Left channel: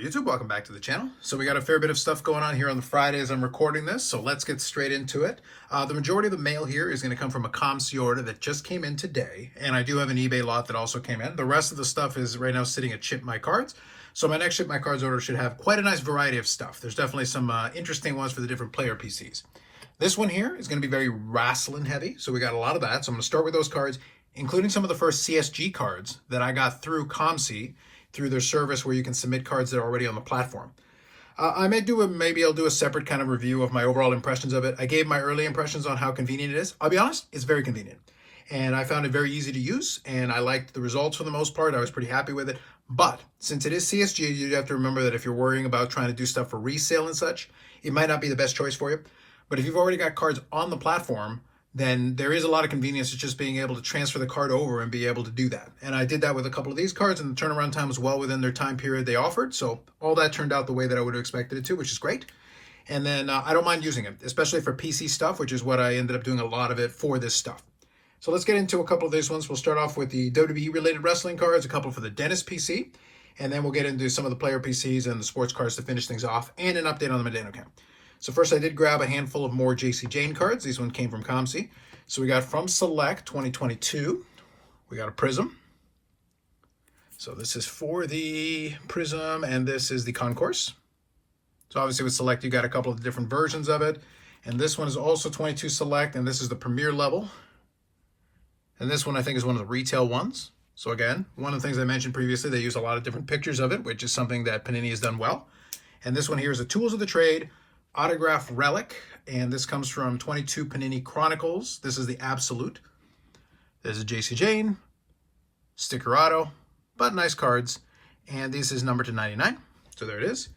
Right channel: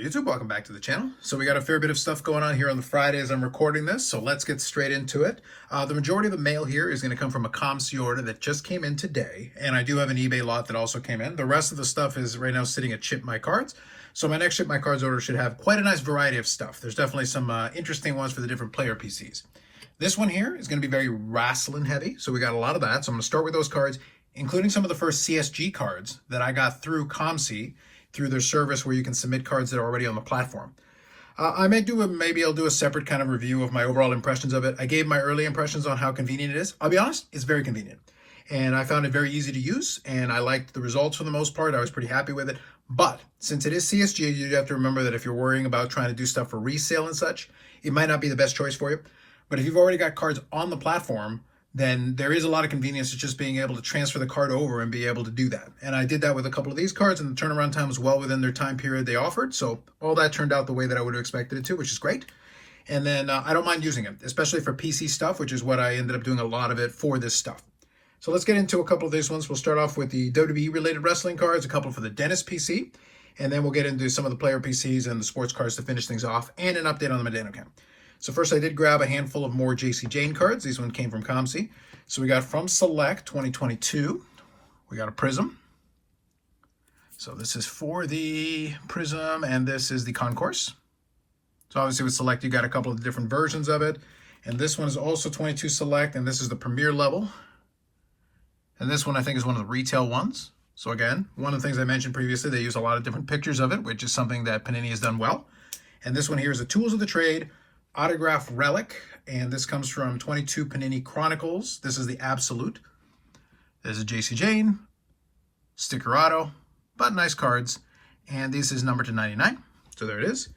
YouTube, welcome back to the channel. So we got a fair bit of stuff going on here on the Friday as I'm recording this, so let's get straight into it. The majority of the mail here is going to come from a COMC order that just came in today, and I do have an eBay lot that also came in. The rest of the stuff is right now sitting at Ship My Cards, so my next Ship My Cards order should have quite a nice variety of stuff. There's definitely some interesting ones for the different player PCs. This one here is going to be very wrestling heavy, so we got a lot of that, so I'm going to start with those cards, including some of the first CSG cards that I got through COMC, through their service where you can submit cards that are already on the platform. Maybe I'll do a separate kind of review of my overall impressions of it. I gave my early impressions on how convenient it is. I'll be honest, it's very convenient. And I found it very easy to use, and I liked the results for the most part. I was pretty happy with it. But since it is CSG, you have to remember that if you're worrying about trying to do stuff for resale and such, it might not be the best choice for you. But if you've already got cards on the platform, then there is a lot of convenience to just being able to transfer the card over and be able to do that. And I did that with a couple of these cards, and the turnaround time was well within their time period they offered. So all that turned out the way that I would have expected it to, which is great. And then I don't mind using it, especially for PC stuff, which is what I ended up doing a lot of it for this stuff. So let's get into a couple of these ones. We'll start off with the WWE-related wrestling cards, a couple for the Dentist PC, and then we'll get into some of the player PCs and the sports cards to finish things off, and an update on the Medano account. So first I did grab a handful of more JC Jane cards. These ones came from COMC. So we got from Select 2022. We got a Prism. So this is for the Prism, and this is the Concourse. So obviously with Select, you got a couple of different versions of it. And this one is also 22 Select, and this is the Premier level. And this one I think is one of the retail ones. So again, one of the things I mentioned previously, they use a lot of different pictures of it, which is something that Panini has done well. And this one here is the Tools of the Trade Autograph Relic, and this comes from 22 Panini Chronicles. This is the Absolute. There's a JC Jane, Sticker Auto, but nice cards. And this is numbered to 99. So there it is.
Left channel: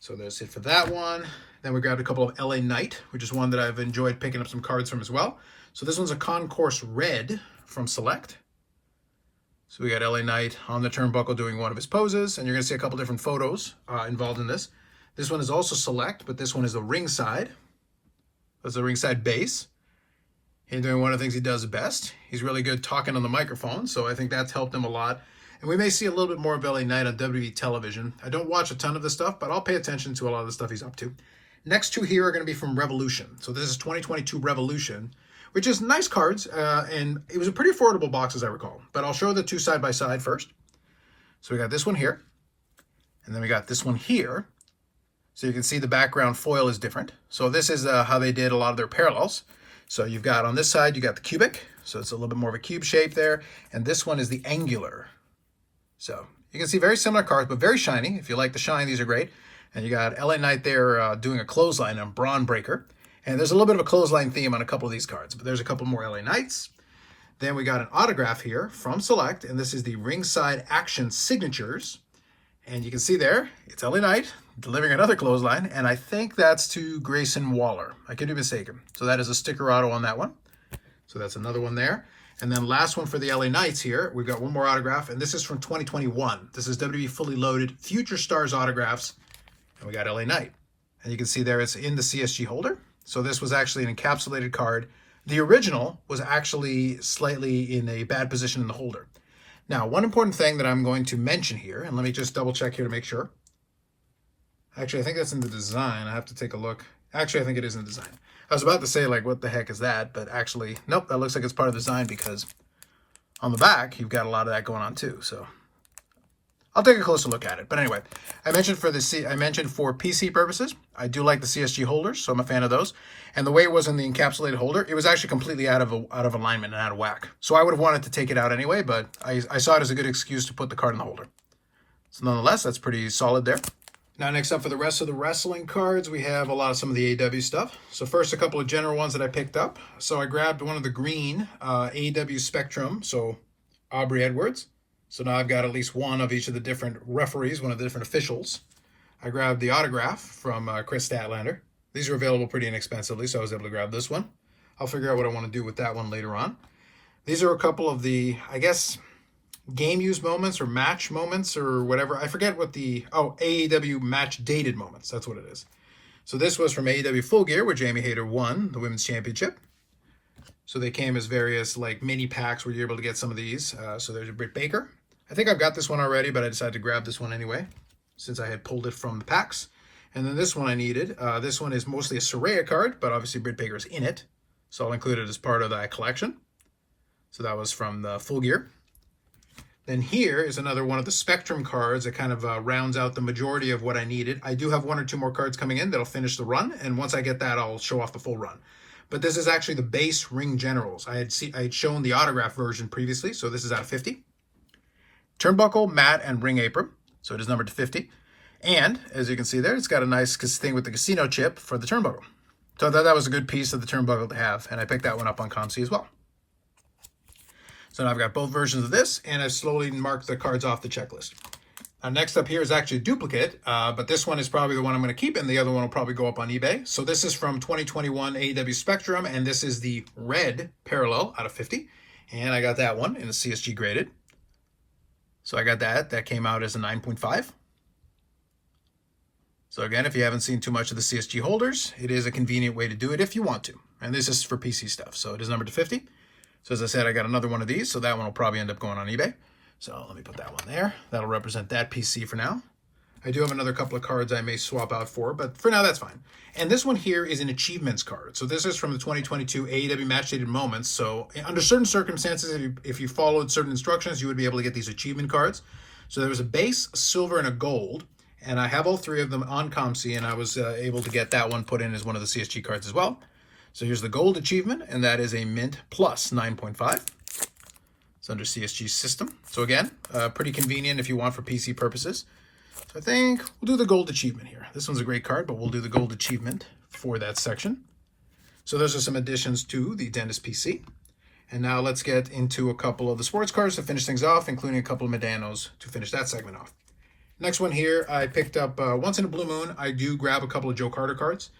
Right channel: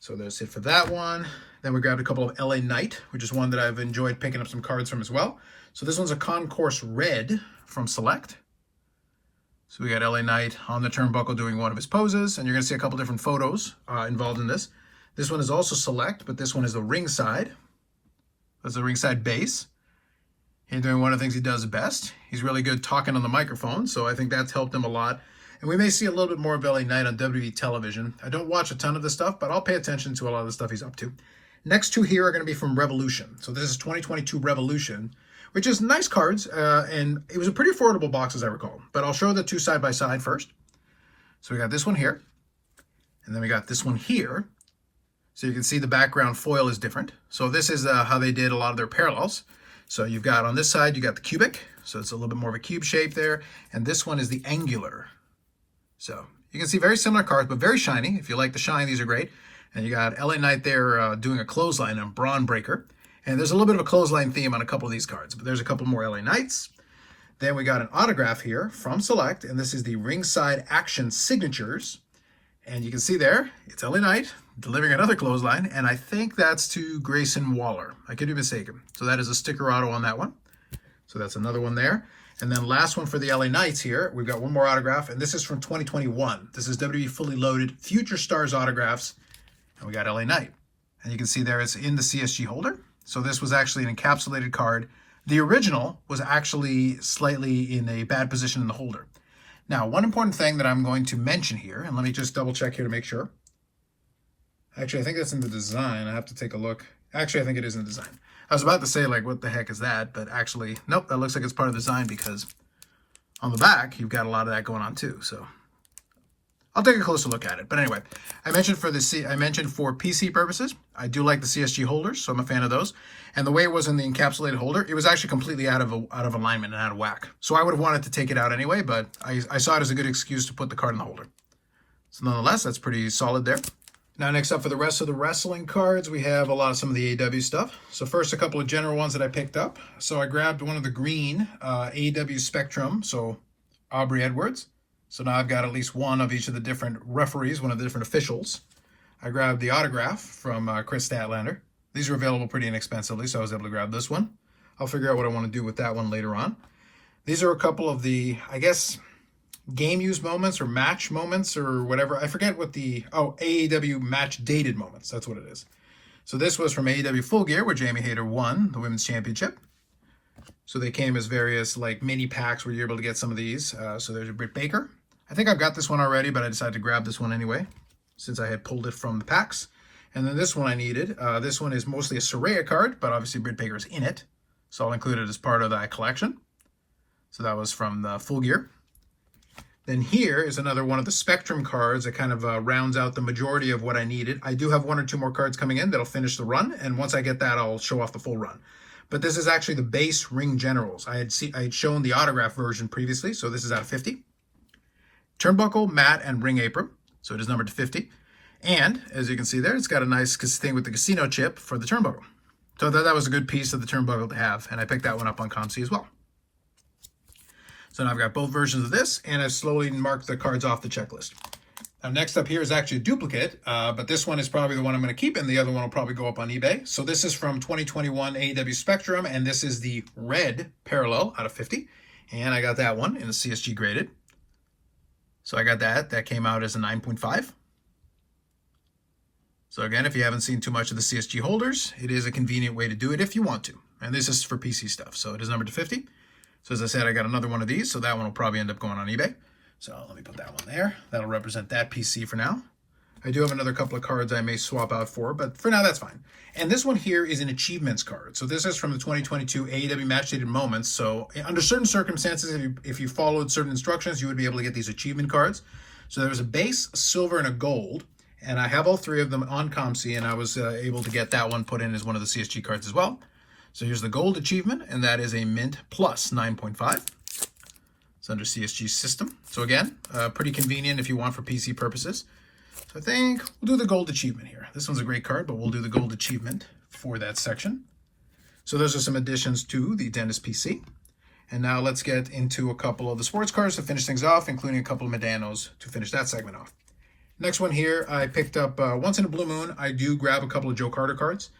So that's it for that one. Then we grabbed a couple of LA Knight, which is one that I've enjoyed picking up some cards from as well. So this one's a Concourse Red from Select. So we got LA Knight on the turnbuckle doing one of his poses, and you're going to see a couple different photos involved in this. This one is also Select, but this one is the ringside. That's the ringside base. He's doing one of the things he does best. He's really good talking on the microphone, so I think that's helped him a lot. And we may see a little bit more of LA Knight on WWE television. I don't watch a ton of this stuff, but I'll pay attention to a lot of the stuff he's up to. Next two here are going to be from Revolution. So this is 2022 Revolution, which is nice cards, and it was a pretty affordable box as I recall. But I'll show the two side by side first. So we got this one here, and then we got this one here. So you can see the background foil is different. So this is how they did a lot of their parallels. So you've got on this side, you got the cubic. So it's a little bit more of a cube shape there. And this one is the angular. So you can see very similar cards, but very shiny. If you like the shine, these are great. And you got LA Knight there doing a clothesline and Braun Breaker. And there's a little bit of a clothesline theme on a couple of these cards, but there's a couple more LA Knights. Then we got an autograph here from Select, and this is the Ringside Action Signatures. And you can see there, it's LA Knight delivering another clothesline, and I think that's to Grayson Waller. I could be mistaken. So that is a sticker auto on that one. So that's another one there. And then last one for the LA Knights here, we've got one more autograph, and this is from 2021. This is WWE Fully Loaded Future Stars autographs, and we got LA Knight. And you can see there it's in the CSG holder. So this was actually an encapsulated card. The original was actually slightly in a bad position in the holder. Now, one important thing that I'm going to mention here, and let me just double check here to make sure. Actually, I think that's in the design. I have to take a look. Actually, I think it is in the design. I was about to say, like, what the heck is that? But actually, nope, that looks like it's part of the design because on the back, you've got a lot of that going on too. So I'll take a closer look at it. But anyway, I mentioned for PC purposes, I do like the CSG holders, so I'm a fan of those. And the way it was in the encapsulated holder, it was actually completely out of alignment and out of whack. So I would have wanted to take it out anyway, but I saw it as a good excuse to put the card in the holder. So nonetheless, that's pretty solid there. Now next up for the rest of the wrestling cards, we have some of the AEW stuff. So first, a couple of general ones that I picked up. So I grabbed one of the green AEW Spectrum, so Aubrey Edwards. So now I've got at least one of each of the different referees, one of the different officials. I grabbed the autograph from Chris Statlander. These are available pretty inexpensively, so I was able to grab this one. I'll figure out what I want to do with that one later on. These are a couple of the, I guess, game use moments or match moments or whatever. I forget what AEW match dated moments. That's what it is. So this was from AEW Full Gear where Jamie Hayter won the Women's Championship. So they came as various like mini packs where you're able to get some of these. So there's a Britt Baker. I think I've got this one already, but I decided to grab this one anyway. since I had pulled it from the packs. And then this one I needed. This one is mostly a Soraya card, but obviously Britt Baker's in it. So I'll include it as part of that collection. So that was from the Full Gear. Then here is another one of the Spectrum cards that kind of rounds out the majority of what I needed. I do have 1 or 2 more cards coming in that'll finish the run, and once I get that, I'll show off the full run. But this is actually the base Ring Generals. I had shown the autograph version previously, so this is out of 50. Turnbuckle, mat, and ring apron, so it is numbered to 50. And, as you can see there, it's got a nice thing with the casino chip for the turnbuckle. So I thought that was a good piece of the turnbuckle to have, and I picked that one up on COMC as well. So now I've got both versions of this, and I've slowly marked the cards off the checklist. Now next up here is actually a duplicate, but this one is probably the one I'm going to keep, and the other one will probably go up on eBay. So this is from 2021 AEW Spectrum, and this is the red parallel out of 50. And I got that one in a CSG graded. So I got that. That came out as a 9.5. So again, if you haven't seen too much of the CSG holders, it is a convenient way to do it if you want to. And this is for PC stuff, so it is numbered to 50. So as I said, I got another one of these, so that one will probably end up going on eBay. So let me put that one there. That'll represent that PC for now. I do have another couple of cards I may swap out for, but for now that's fine. And this one here is an achievements card. So this is from the 2022 AEW Match Dated Moments. So under certain circumstances, if you followed certain instructions, you would be able to get these achievement cards. So there was a base, a silver, and a gold. And I have all 3 of them on COMC, and I was able to get that one put in as one of the CSG cards as well. So here's the gold achievement, and that is a mint plus 9.5. It's under CSG system. So again, pretty convenient if you want for PC purposes. So I think we'll do the gold achievement here. This one's a great card, but we'll do the gold achievement for that section. So those are some additions to the Dentist PC. And now let's get into a couple of the sports cards to finish things off, including a couple of Medanos to finish that segment off. Next one here, I picked up once in a blue moon. I do grab a couple of Joe Carter cards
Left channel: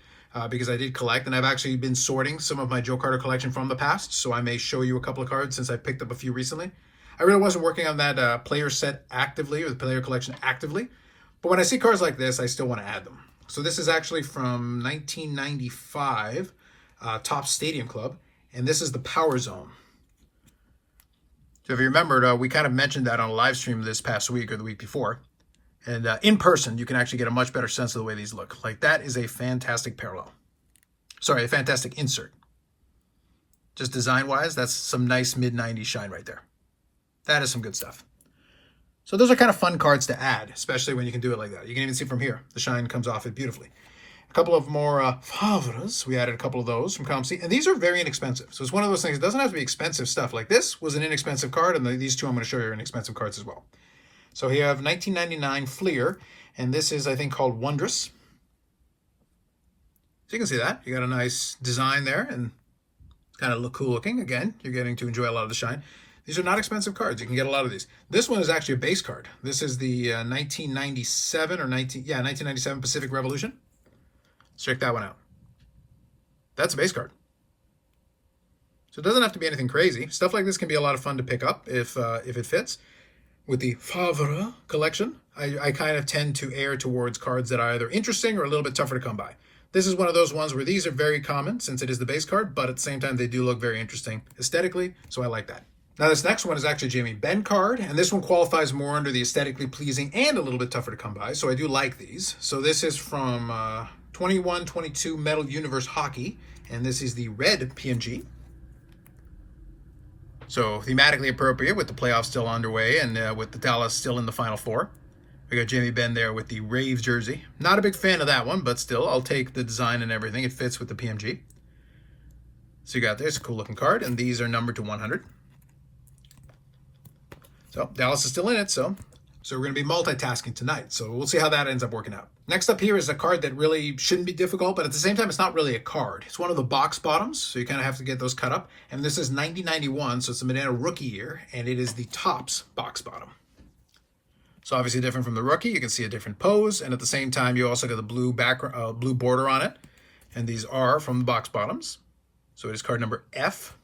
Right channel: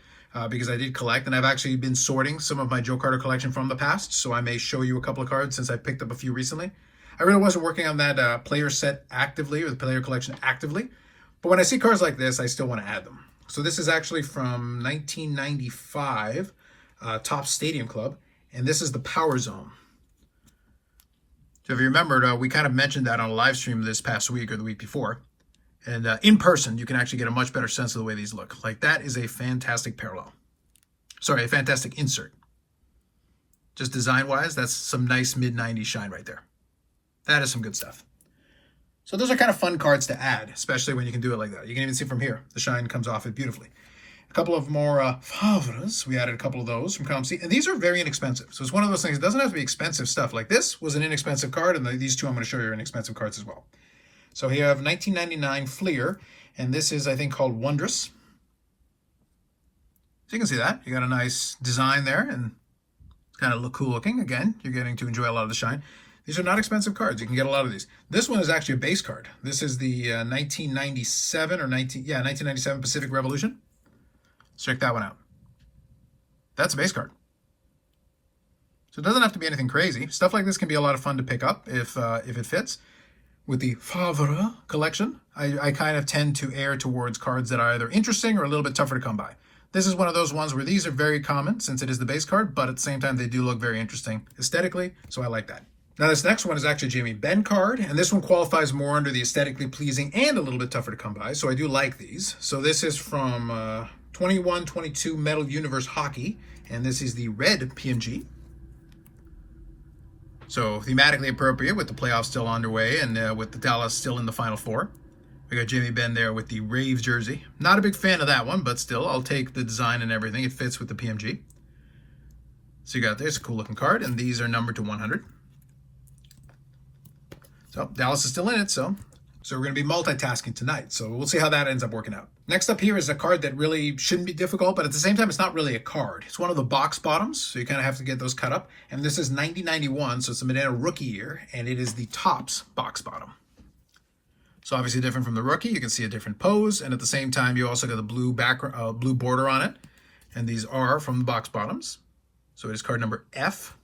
because I did collect, and I've actually been sorting some of my Joe Carter collection from the past, so I may show you a couple of cards since I picked up a few recently. I really wasn't working on that player set actively, or the player collection actively, but when I see cards like this, I still want to add them. So this is actually from 1995 Topps Stadium Club, and this is the Power Zone. So if you remembered, we kind of mentioned that on a live stream this past week or the week before. And in person, you can actually get a much better sense of the way these look. Like, that is a fantastic parallel. Sorry, a fantastic insert. Just design-wise, that's some nice mid-90s shine right there. That is some good stuff. So those are kind of fun cards to add, especially when you can do it like that. You can even see from here, the shine comes off it beautifully. A couple of more Favres. We added a couple of those from COMC. And these are very inexpensive. So it's one of those things, it doesn't have to be expensive stuff. Like, this was an inexpensive card, and these two I'm going to show you are inexpensive cards as well. So here I have 1999 Fleer, and this is, I think, called Wondrous. So you can see that. You got a nice design there, and kind of look cool looking. Again, you're getting to enjoy a lot of the shine. These are not expensive cards. You can get a lot of these. This one is actually a base card. This is the 1997 Pacific Revolution. Let's check that one out. That's a base card. So it doesn't have to be anything crazy. Stuff like this can be a lot of fun to pick up if it fits. With the Favre collection, I kind of tend to err towards cards that are either interesting or a little bit tougher to come by. This is one of those ones where these are very common since it is the base card, but at the same time, they do look very interesting aesthetically, so I like that. Now, this next one is actually a Jamie Benn card, and this one qualifies more under the aesthetically pleasing and a little bit tougher to come by, so I do like these. So this is from 21-22 Metal Universe Hockey, and this is the red PMG. So thematically appropriate with the playoffs still underway and with the Dallas still in the Final Four. We got Jamie Benn there with the Raves jersey. Not a big fan of that one, but still, I'll take the design and everything. It fits with the PMG. So you got this, a cool looking card, and these are numbered to 100. So Dallas is still in it, so we're going to be multitasking tonight. So we'll see how that ends up working out. Next up here is a card that really shouldn't be difficult, but at the same time, it's not really a card. It's one of the box bottoms, so you kind of have to get those cut up. And this is 90-91, so it's the Medina rookie year, and it is the Topps box bottom. So obviously different from the rookie. You can see a different pose, and at the same time, you also got the blue background, blue border on it. And these are from the box bottoms. So it is card number F.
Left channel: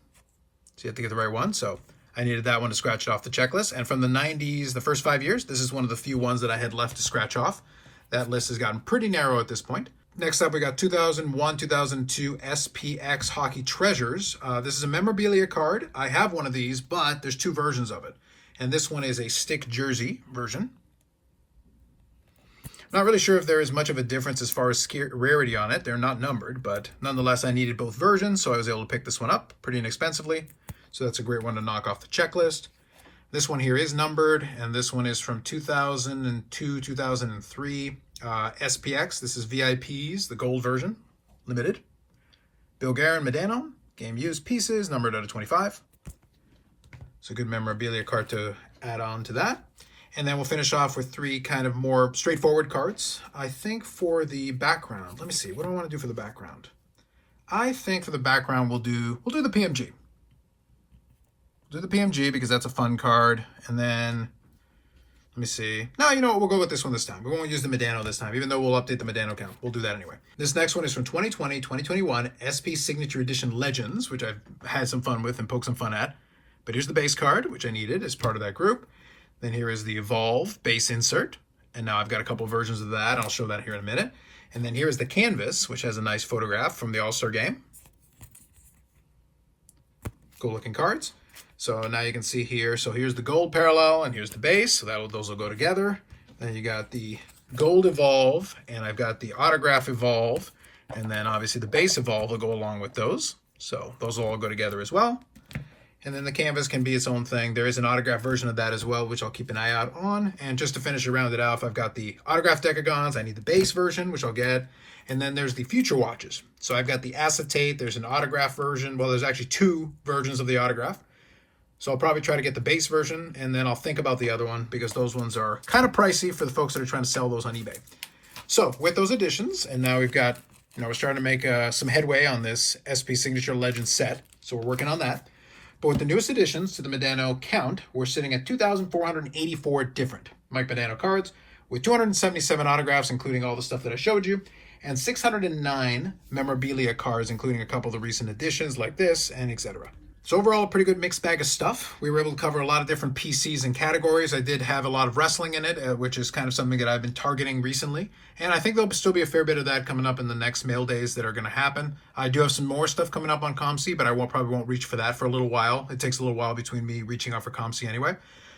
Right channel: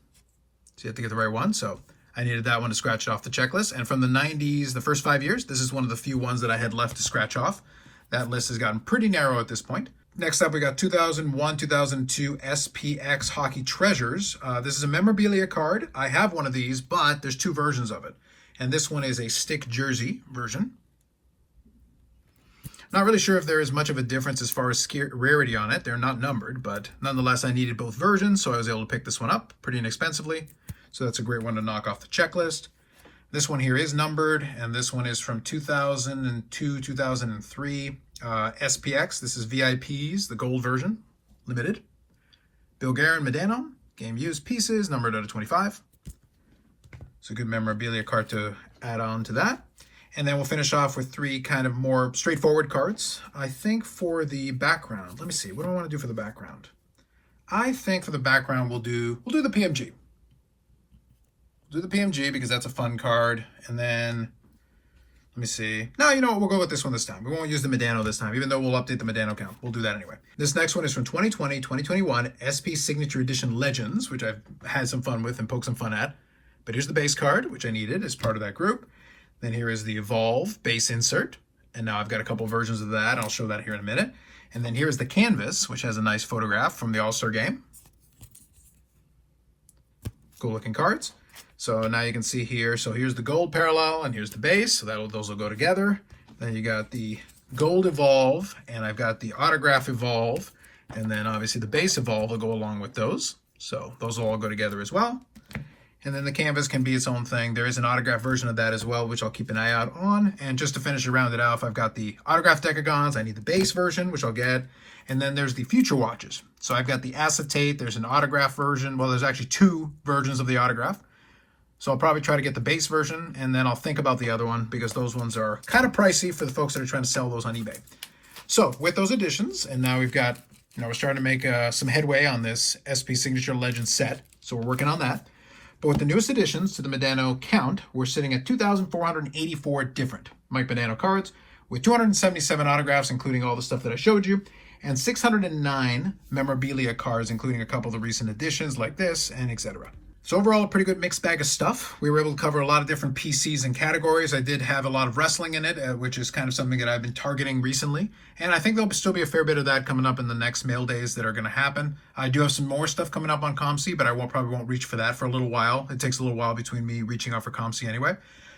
So you have to get the right one. So I needed that one to scratch off the checklist. And from the 90s, the first 5 years, this is one of the few ones that I had left to scratch off. That list has gotten pretty narrow at this point. Next up, we got 2001, 2002 SPX Hockey Treasures. This is a memorabilia card. I have one of these, but there's 2 versions of it. And this one is a stick jersey version. Not really sure if there is much of a difference as far as rarity on it. They're not numbered, but nonetheless, I needed both versions, so I was able to pick this one up pretty inexpensively. So that's a great one to knock off the checklist. This one here is numbered, and this one is from 2002, 2003. SPX, this is VIPs, the gold version, limited. Bilger and Medano, game used pieces, numbered out of 25. It's a good memorabilia card to add on to that. And then we'll finish off with 3 kind of more straightforward cards. I think for the background, let me see, what do I want to do for the background? I think for the background we'll do the PMG. We'll do the PMG because that's a fun card. And then, let me see. No, you know what? We'll go with this one this time. We won't use the Medano this time, even though we'll update the Medano count. We'll do that anyway. This next one is from 2020, 2021, SP Signature Edition Legends, which I've had some fun with and poked some fun at. But here's the base card, which I needed as part of that group. Then here is the Evolve base insert. And now I've got a couple versions of that. I'll show that here in a minute. And then here is the canvas, which has a nice photograph from the All-Star game. Cool looking cards. So now you can see here, so here's the gold parallel and here's the base. So those will go together. Then you got the gold Evolve and I've got the autograph Evolve. And then obviously the base Evolve will go along with those. So those will all go together as well. And then the canvas can be its own thing. There is an autograph version of that as well, which I'll keep an eye out on. And just to finish it, round it off, I've got the autograph decagons. I need the base version, which I'll get. And then there's the future watches. So I've got the acetate. There's an autograph version. Well, there's actually 2 versions of the autograph. So I'll probably try to get the base version, and then I'll think about the other one because those ones are kind of pricey for the folks that are trying to sell those on eBay. So with those additions, and now we've got, we're starting to make some headway on this SP Signature Legends set. So we're working on that. But with the newest additions to the Medano count, we're sitting at 2,484 different Mike Medano cards with 277 autographs, including all the stuff that I showed you, and 609 memorabilia cards, including a couple of the recent additions like this, and etc. So overall, a pretty good mixed bag of stuff. We were able to cover a lot of different PCs and categories. I did have a lot of wrestling in it, which is kind of something that I've been targeting recently. And I think there'll still be a fair bit of that coming up in the next mail days that are going to happen. I do have some more stuff coming up on COMC, but I probably won't reach for that for a little while. It takes a little while between me reaching out for COMC anyway.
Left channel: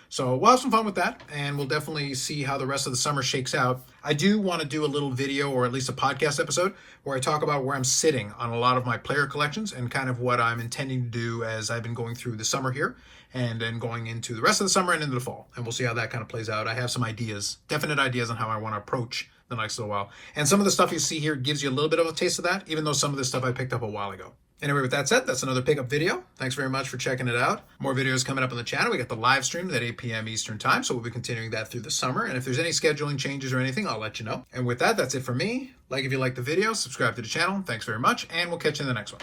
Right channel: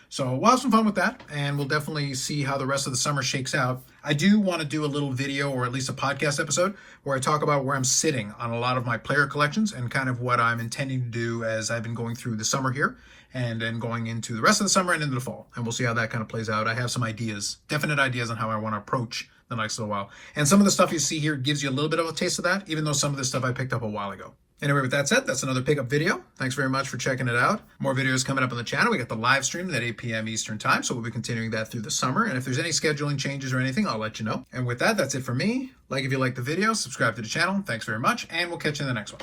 So we'll have some fun with that, and we'll definitely see how the rest of the summer shakes out. I do want to do a little video, or at least a podcast episode, where I talk about where I'm sitting on a lot of my player collections and kind of what I'm intending to do as I've been going through the summer here, and then going into the rest of the summer and into the fall. And we'll see how that kind of plays out. I have some ideas, definite ideas on how I want to approach the next little while. And some of the stuff you see here gives you a little bit of a taste of that, even though some of this stuff I picked up a while ago. Anyway, with that said, that's another pickup video. Thanks very much for checking it out. More videos coming up on the channel. We got the live stream at 8 p.m. Eastern time, so we'll be continuing that through the summer. And if there's any scheduling changes or anything, I'll let you know. And with that, that's it for me. Like if you liked the video, subscribe to the channel. Thanks very much, and we'll catch you in the next one.